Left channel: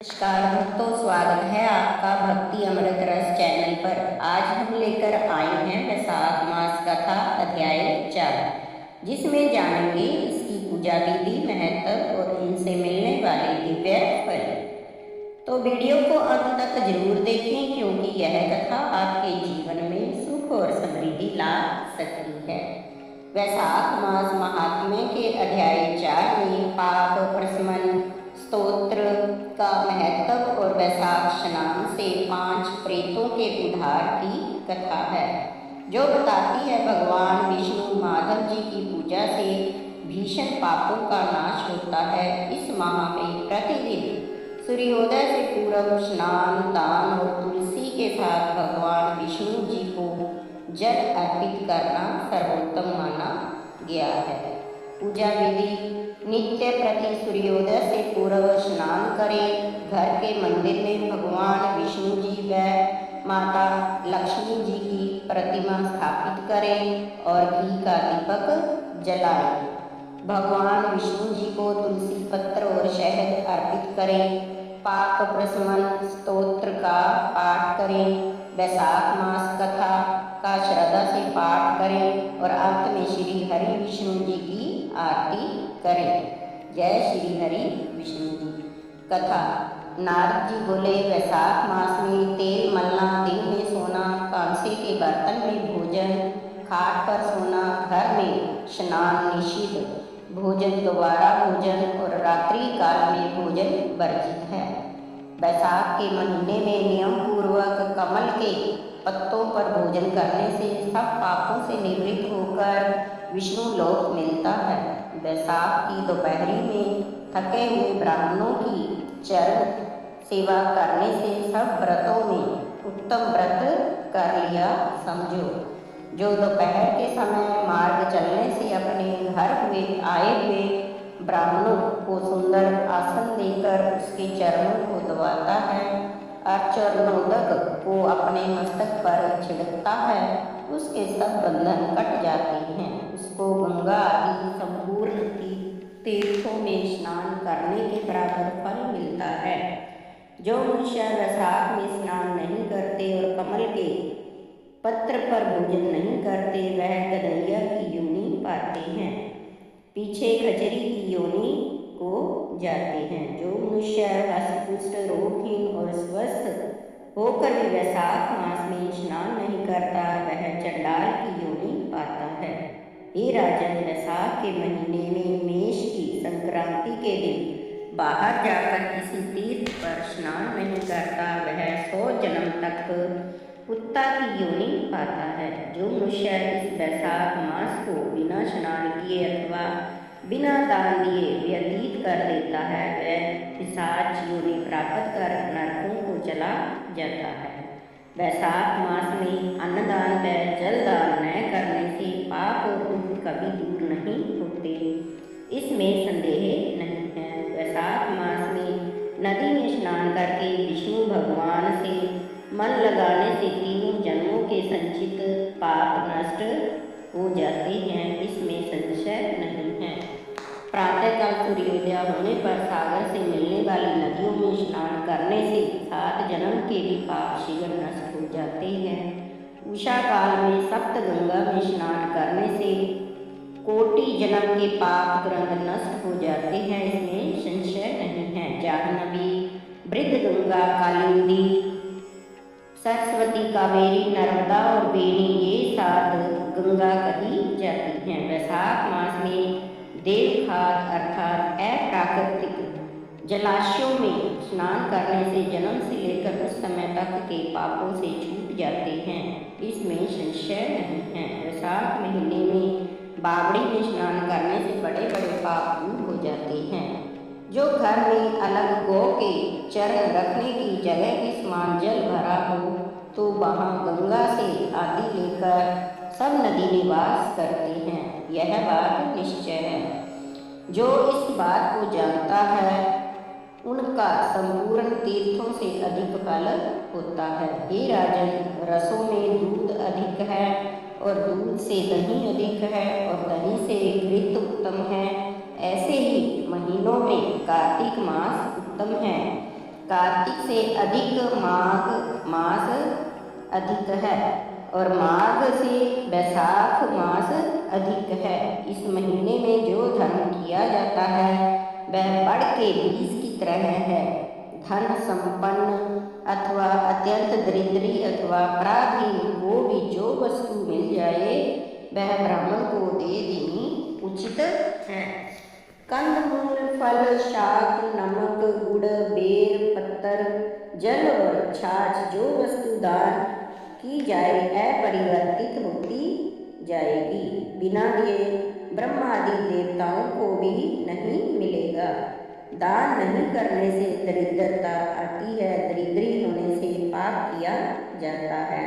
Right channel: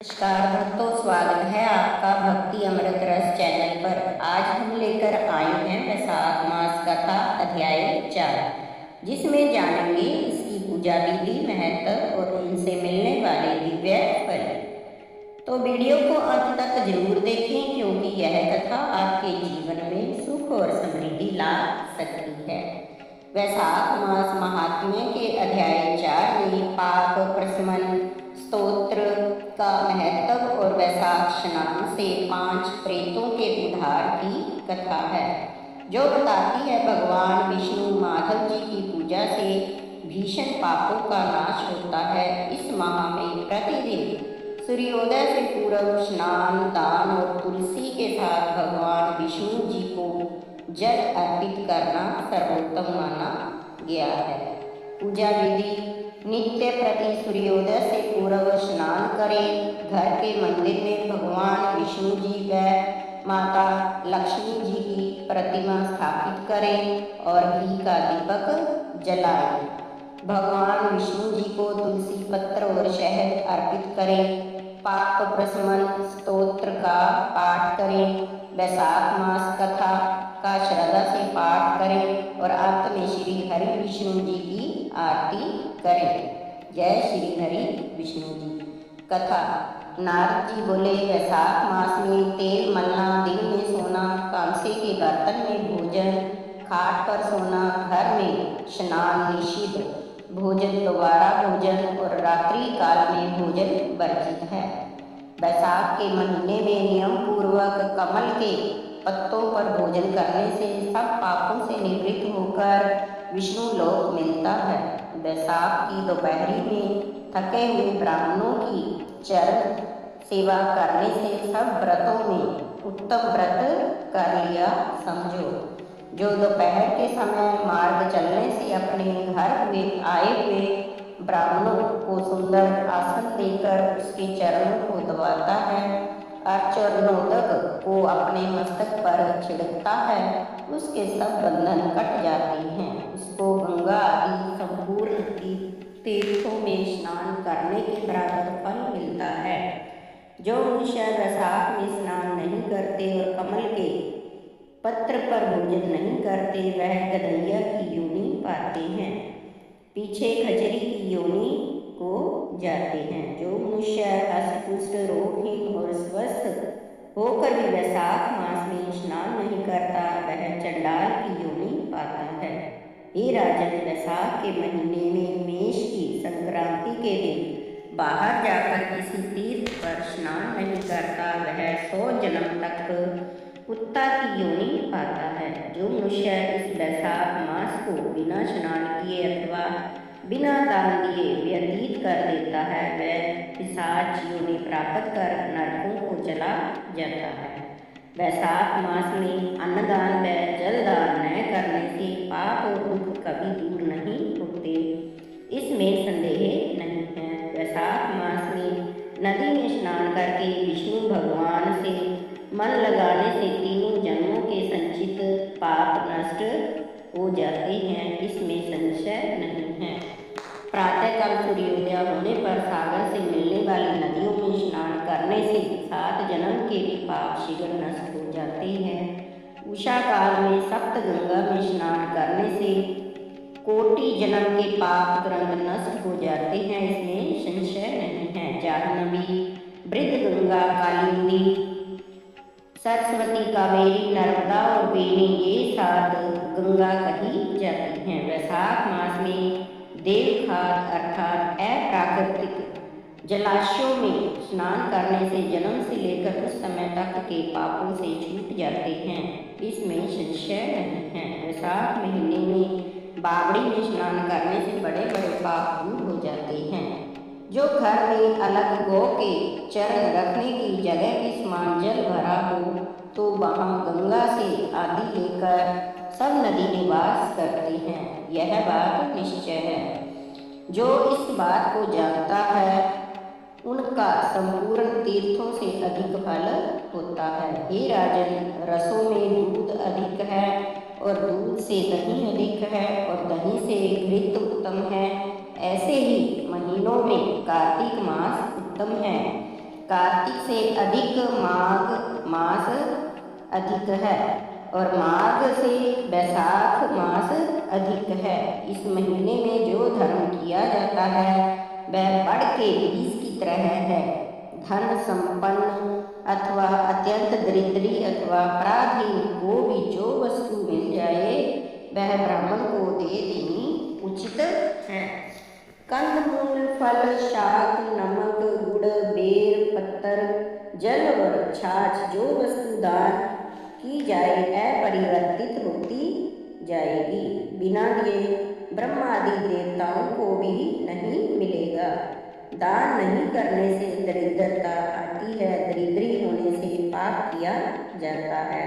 नमस्कार भक्तों, स्वागत है आपका भक्ति अमृत रस चैनल पर। आज हम लेकर आए हैं वैशाख मास कथा अध्याय 4, जिसमें जानेंगे इसकी पूजा विधि, महत्व और इनसे मिलने वाले दिव्य फल। तो वीडियो को अंत तक जरूर देखें, क्योंकि यह कथा आपके जीवन में सुख और समृद्धि ला सकती है। वैशाख मास महात्म्य के अध्याय 4 में पाप प्रशमन स्तोत्र का महत्व और वैशाख स्नान से 5 प्रेतों के उद्धार की कथा है, जो बताती है भगवान विष्णु माधव जी की पूजा से भीषण पापों का नाश होता है। इस माह में प्रतिदिन सूर्योदय से पूर्व स्नान, दान और तुलसी के साथ भगवान विष्णु जी को जल अर्पित करना सर्वोत्तम माना गया है। पूजा विधि: नित्य प्रति सूर्योदय से पूर्व स्नान करें। घर के मंदिर में भगवान विष्णु जी व माता लक्ष्मी जी की प्रतिमा स्थापित करें और घी का दीपक जलाएं। भगवान विष्णु जी को तुलसी पत्र और शहद अर्पित करें। पाप प्रशमन स्तोत्र का पाठ करें। वैशाख मास कथा का श्रद्धा से पाठ करें और अंत में श्री हरि विष्णु जी की आरती करें। जय श्री हरि विष्णु जी। कथा: नारद जी बोले, वैशाख मास में तेल मलना, दिन में सोना, कांसे के बर्तन में भोजन, खाट पर सोना, घर में स्नान निषिद्ध, भोजन दोबारा भोजन और रात्रि काल में भोजन वर्जित है। वैशाख के महीने में नियम पूर्वक कमल के पत्तों पर भोजन करने से सब पापों से निवृत्त होकर विष्णु लोक मिलता है। वैशाख की दोपहरी में थके हुए ब्राह्मणों की चरण सेवा करने से सब व्रतों में उत्तम व्रत कर लिया समझो। जो दोपहर के समय मार्ग चलने से अपने घर आए हुए ब्राह्मणों को सुंदर आसन देकर उसके चरणों को दबाता है और चरणोदक को अपने मस्तक पर छिड़कता है, उसके सब बंधन कट जाते हैं। उसको गंगा आदि संपूर्ण तीर्थों में स्नान करने के बराबर फल मिलता है। जो मनुष्य वैशाख में स्नान नहीं करते और कमल के पत्र पर भोजन नहीं करते, वह गधैया की योनि पाते हैं, पीछे खचरी की योनि को जाते हैं। जो मनुष्य हष्टपुष्ट, रोगहीन और स्वस्थ होकर भी वैशाख मास में स्नान नहीं करता, वह चंडाल की योनि पाता है। हे राजन, वैशाख के महीने में मेष की संक्रांति के दिन बाहर जाकर किसी तीर्थ पर स्नान नहीं करता, वह 100 जन्म तक कुत्ता की योनि पाता है। जो मनुष्य इस वैशाख मास को बिना स्नान किए अथवा बिना दान दिए व्यतीत कर देता है, वह पिशाच योनि प्राप्त कर नरकों को चला जाता है। वैशाख मास में अन्नदान व जलदान न करने से पाप और दुख कभी दूर नहीं होते, इसमें संदेह नहीं है। वैशाख मास में नदी में स्नान करके विष्णु भगवान से मन लगाने से तीनों जन्मों के संचित पाप नष्ट हो जाते हैं, इसमें संशय नहीं है। प्रातःकाल सूर्योदय होने पर सागर से मिलने वाली नदियों में स्नान करने से 7 जन्म के भी पाप शीघ्र नष्ट हो जाते हैं। उषा काल में सप्त गंगा में स्नान करने से कोटि जन्म के पाप तुरंत नष्ट हो जाते हैं, इसमें संशय नहीं है। जाह्नवी, वृद्ध गंगा, कालिंदी, सरस्वती, कावेरी, नर्मदा और बेनी, ये 7 गंगा कही जाती हैं। वैशाख मास में देवखात अर्थात अप्राकृतिक जलाशयों में स्नान करने से जन्म से लेकर उस समय तक के पापों से छूट जाते हैं, इसमें संशय नहीं है। वैशाख महीने में बावड़ी में स्नान करने से बड़े बड़े पाप दूर हो जाते हैं। जो घर में अलग गौ के चरण रखने की जगह के समान जल भरा हो, तो वहाँ गंगा से आदि लेकर सब नदी निवास करते हैं, यह बात निश्चय है। जो इस बात को जानता है, उनका संपूर्ण तीर्थों से अधिक फल होता है। हे राजन, रसों में दूध अधिक है और दूध से दही अधिक है और दही से घृत उत्तम है। ऐसे ही महीनों में कार्तिक मास उत्तम है। कार्तिक से अधिक माघ मास अधिक है और माघ से वैशाख मास अधिक है। इस महीने में जो धर्म किया जाता है वह बढ़ के बीज की तरह है। धन संपन्न अथवा अत्यंत दरिद्री अथवा पराधीन को भी जो वस्तु मिल जाए वह ब्राह्मण को दे देनी उचित है। कंदमूल, फल, शाक, नमक, गुड़, बेर, पत्तर, जल और छाछ जो वस्तु दान की जाए अपरिवर्तित होती जाएगी। बिना दिए ब्रह्मा आदि देवताओं को भी नहीं मिलेगा। दान नहीं करने से दरिद्रता आती है, दरिद्री होने से पाप किया जाता है,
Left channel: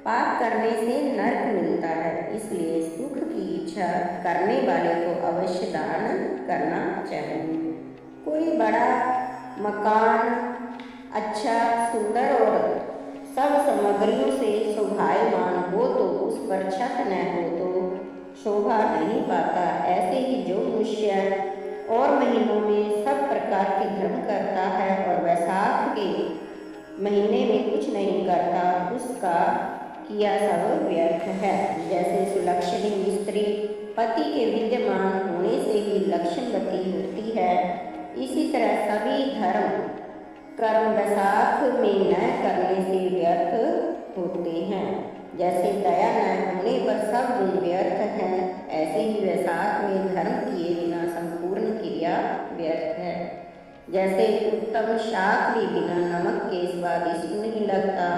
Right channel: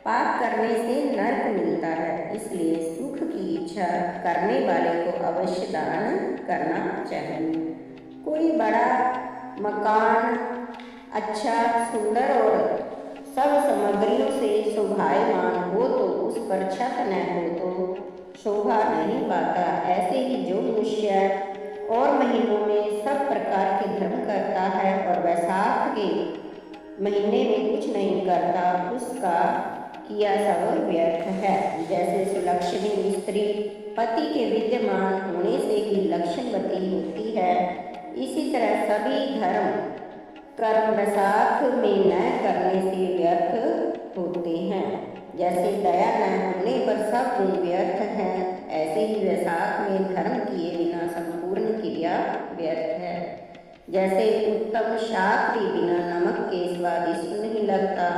पाप करने से नरक मिलता है। इसलिए सुख की इच्छा करने वाले को अवश्य दान करना चाहिए। कोई बड़ा मकान अच्छा, सुंदर और सब सामग्रियों से शोभायमान हो तो उस पर छत न हो तो शोभा नहीं पाता। ऐसे ही जो मनुष्य और महीनों में सब प्रकार के धर्म करता है और वैशाख के महीने में कुछ नहीं करता, उसका किया सब व्यर्थ है। जैसे सुलक्षणी स्त्री पति के विद्यमान होने से ही लक्षणवती होती है, इसी तरह सभी धर्म कर्म वैशाख में न करने से व्यर्थ होते हैं। जैसे दया न होने पर सब गुण व्यर्थ हैं, ऐसे ही वैशाख में धर्म किए बिना संपूर्ण क्रिया व्यर्थ है। जैसे उत्तम शाक भी बिना नमक के स्वादिष्ट नहीं लगता,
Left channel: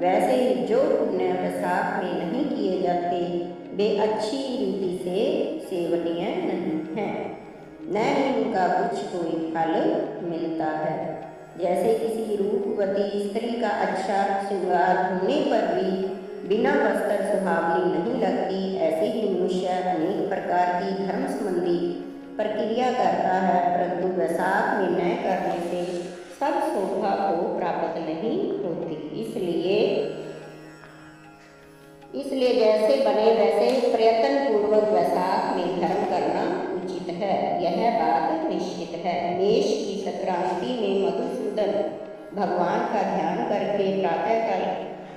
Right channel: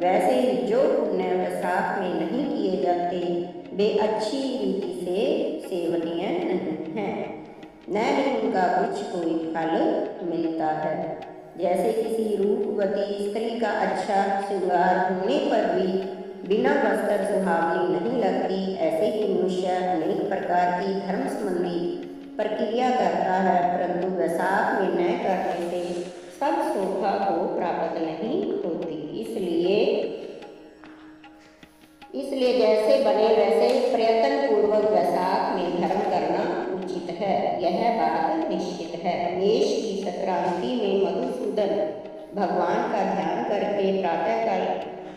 वैसे ही जो पुण्य वैशाख में नहीं किए जाते वे अच्छी रीति से सेवनीय नहीं हैं, न ही उनका कुछ कोई फल मिलता है। जैसे किसी रूपवती स्त्री का अच्छा श्रृंगार होने पर भी बिना वस्त्र सुहावनी नहीं लगती, ऐसे ही मनुष्य अनेक प्रकार की धर्म संबंधी प्रक्रिया करता है, परंतु वैशाख में न करने से सब शोभा को प्राप्त नहीं होती। इसलिए जैसे बने वैसे प्रयत्न पूर्वक वैशाख में धर्म करना उचित है, यह बात निश्चित है। मेष की संक्रांति में मधुसूदन भगवान का ध्यान करके प्रातःकाल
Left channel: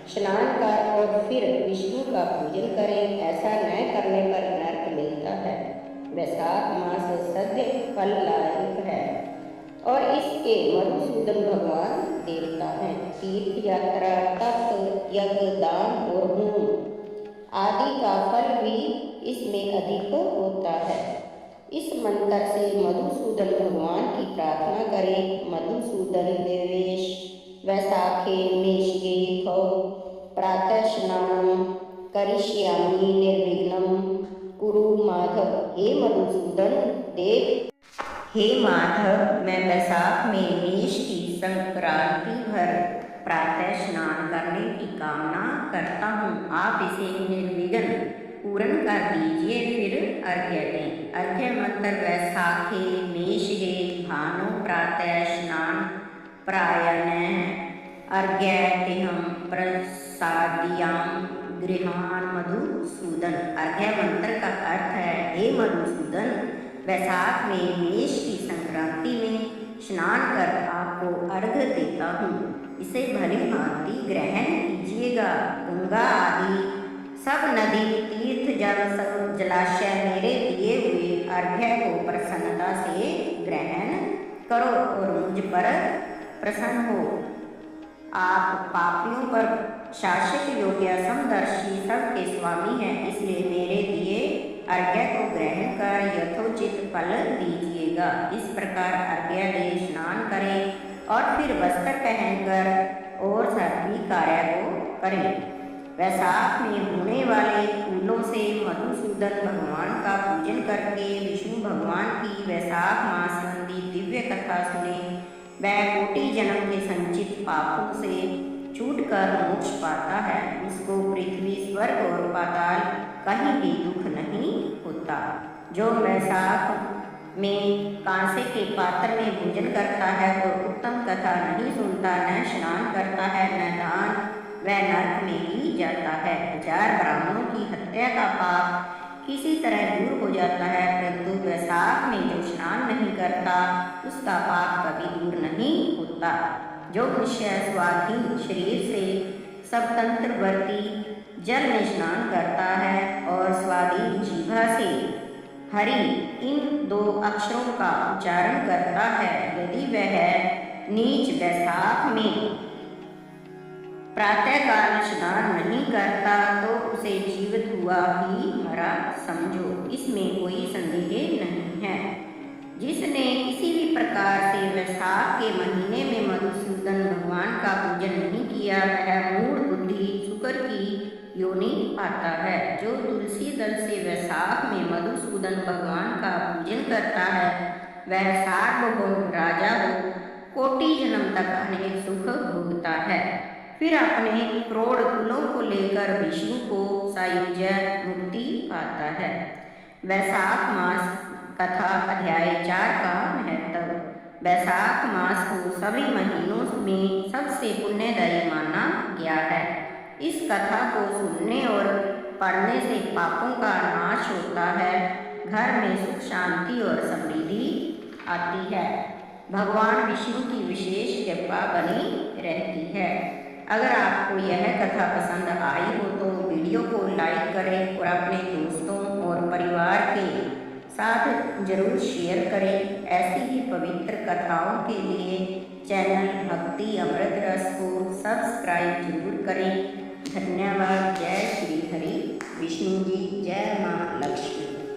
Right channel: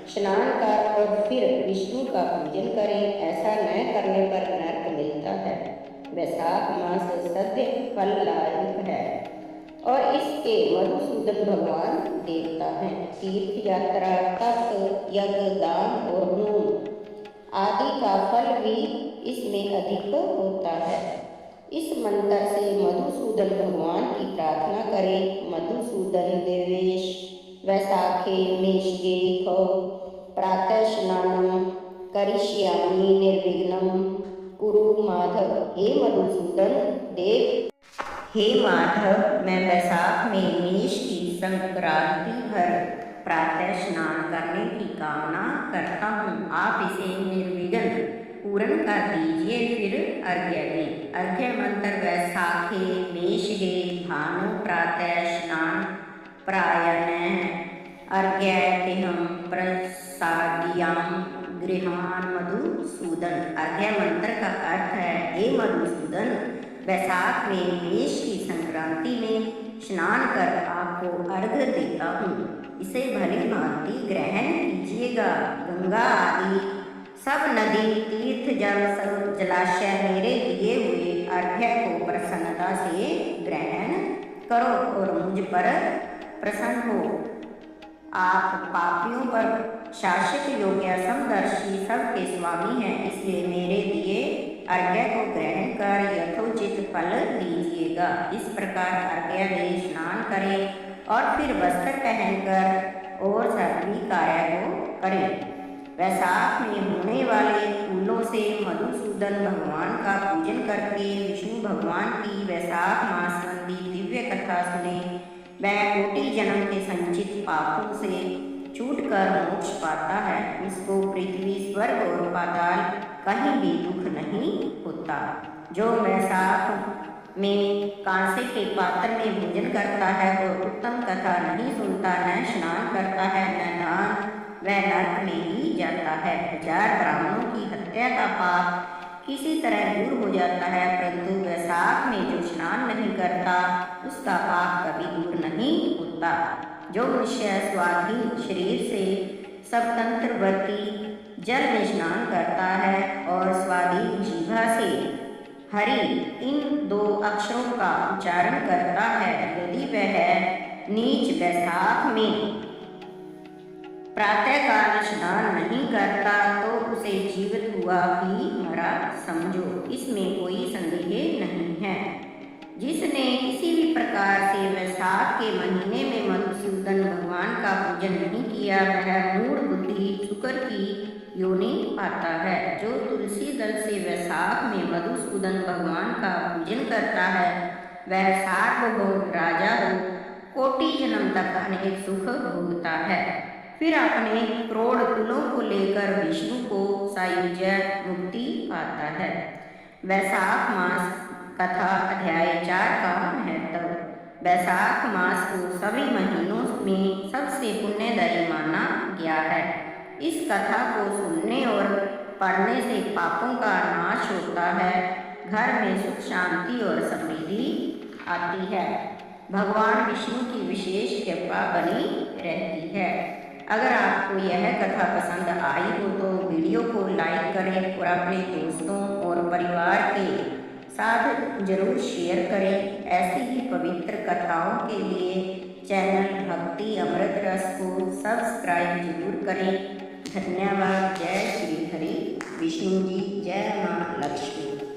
स्नान कर और फिर विष्णु का पूजन करें। ऐसा न करने पर नरक मिलता है। वैशाख मास सद्य फल लायक है और इसके मधुसूदन भगवान देवता हैं। तीर्थ यात्रा, तप, यज्ञ, दान और होम आदि का फल भी इसमें अधिक होता है। इस मंत्र से मधुसूदन भगवान की प्रार्थना करें। मधुसूदन देवेश वैशाखे मेषगे खौ प्रातः स्नानम करिष्यामि निर्विघ्नं कुरु माधव। हे मधुसूदन देव, हे माधव, मैं वैशाख में मेष की संक्रांति भर प्रातः स्नान करने की कामना करता हूँ। आप इसे निर्विघ्न पूर्ण कर दीजिए, फिर अर्घ्य दें। अर्घ्य मंत्र वैशाखे मेषगे भानु प्रातः स्नान प्रायणः अर्घ्यतेहं प्रसाद्यां गृहान मधुसूदन। अर्घ्य मंत्र का अर्थ है, हे मधुसूदन, वैशाख में मेष की संक्रांति में स्नान कर आपको अर्घ्य देता हूँ, इसे भली भांति ग्रहण कीजिएगा। गंगा आदि सब नदी, तीर्थ, जल, सब जलाशय मेरे दिए हुए अर्घ्य को प्रसन्नता से ग्रहण करो और मुझ पर प्रसन्न हो। आप पापियों पर शासक योग्य समदर्शी सबके स्वामी हैं, इसलिए मेरे दिए अर्घ्य को ग्रहण कर यथोचित फल दीजिएगा। इस प्रकार अर्घ्य दे स्नान करें और फिर वस्त्र पहनकर और सभी कार्य को करें। वैशाख में होने वाले फूलों से मधुसूदन भगवान का पूजन करके विष्णु भगवान की वैशाख मास संबंधी दिव्य कथा सुने। वह कोटि जन्म के संचित पापों से छूटकर मोक्ष पाता है। उसको पृथ्वी, स्वर्ग और पाताल कहीं भी दुख नहीं होता। जो वैशाख में कांसे के पात्र में भोजन करता है और उत्तम कथा नहीं सुनता, न स्नान करता है, न दान, वह नरक में ही जाता है। 1000 ब्राह्मणों की हत्या का पाप किसी तरह दूर हो जाता है, परंतु वैशाख में जो स्नान नहीं करता उसका पाप कभी दूर नहीं होता। जो मनुष्य स्वाधीन शरीर से स्वतंत्रवर्ती जल में स्नान करता है और स्वाधीन जीभा से हरि इन 2 अक्षरों का उच्चारण करता है, यदि वह नीच वैशाख में प्रातःकाल स्नान नहीं करता तो उसे जीवित हुआ ही मरा समझो, इसमें कोई संदेह नहीं है। जिसने किसी भी प्रकार से वैशाख के महीने में मधुसूदन भगवान का पूजन नहीं किया वह मूढ़ बुद्धि शुक्र की योनि पाता है। जो तुलसी दल से वैशाख में मधुसूदन भगवान का पूजन करता है वह सार्वभौम राजा हो कोटि जन्म तक अनेक सुख भोगता है, फिर अपने प्रौढ़ कुलों को लेकर विष्णु को सायुज्य मुक्ति पाता है। वैशाख मास कथा अध्याय 4 का महत्व। वैशाख मास को सभी महीनों में सबसे पुण्यदायी माना गया है। इस कथा को सुनने और पढ़ने से पापों का नाश होता है, घर में सुख शांति और समृद्धि आती है, भगवान विष्णु की विशेष कृपा बनी रहती है। अगर आपको यह कथा पसंद आई हो तो वीडियो को लाइक करें और अपने दोस्तों और परिवार के साथ जरूर शेयर करें। ऐसी ही पवित्र कथाओं के लिए चैनल भक्ति अमृत रस को सब्सक्राइब जरूर करें। धन्यवाद। जय श्री हरि विष्णु जी, जय माँ लक्ष्मी।